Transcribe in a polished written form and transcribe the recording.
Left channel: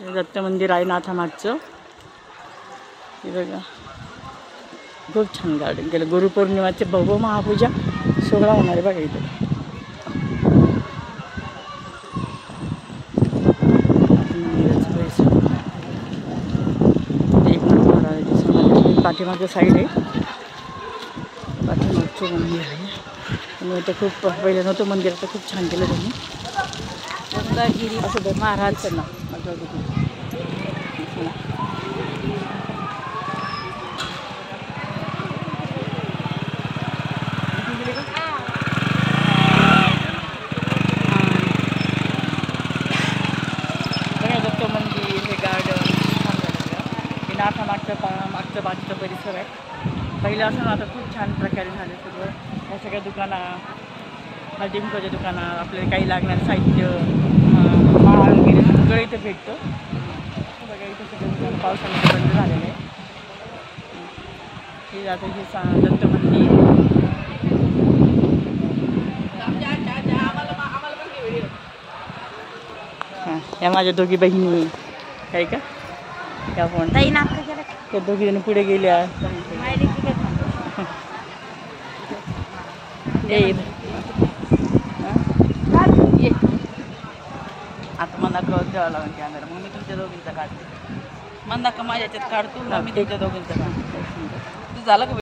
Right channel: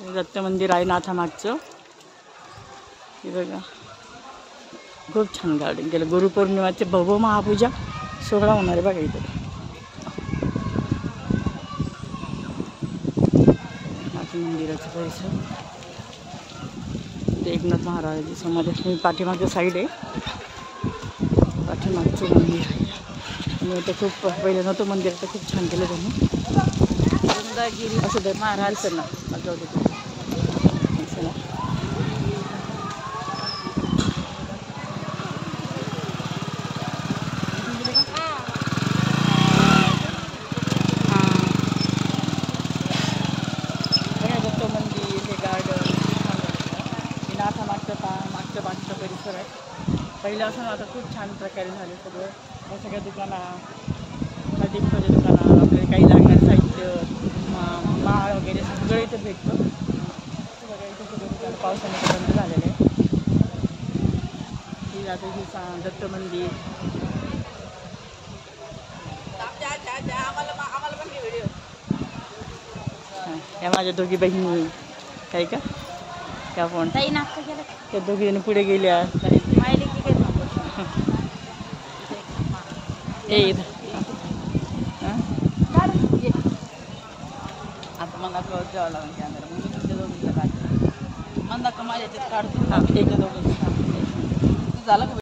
दत्त मंदिर आहे नाथामागचं. हे बघा खूप छान गार्डन केलं. गुरुपौर्णिमाचे भव्य महापूजा सोहळा होणार आहे बघा इथं. मंदिराचं परिसर एकनाथ महाराजांची समाधी पाठीमागचं साईड आहे. पाठीमागचं मंदिर आहे आणि इथं खूप पहिलं नव्हतं मंदिर, आता खूप छान केलं त्यांनी. असं बघ महाराज ना दत्त मंदिर, हे गार्डन छान झालं. हे मागचं बागचं परिसर आहे. पहिलं असं ना, आता खूप छान प्रकारे झालं सगळं. ह्या सगळ्या दुकानं, हळदीकुंकवाच्या दुकानं, आपल्याला काही लागणारं साहित्य, माळ वगैरे सगळं इथं भेटतं. बघा इथं सगळं दुकानं पावसामध्ये बंद झालेलं आहे. हे आता हे दत्त मंदिर. या माझ्या दोघी बहिणी काय का त्या फोन त्या दोघी जण पुढे गेल्या. आता मला कळत द्यावं लागेल कॅमेरा, मग मी तुमच्या दोघींचा काढतो. मंदा का माझ्या याच्यात काढतो, दोघींचा झालं का.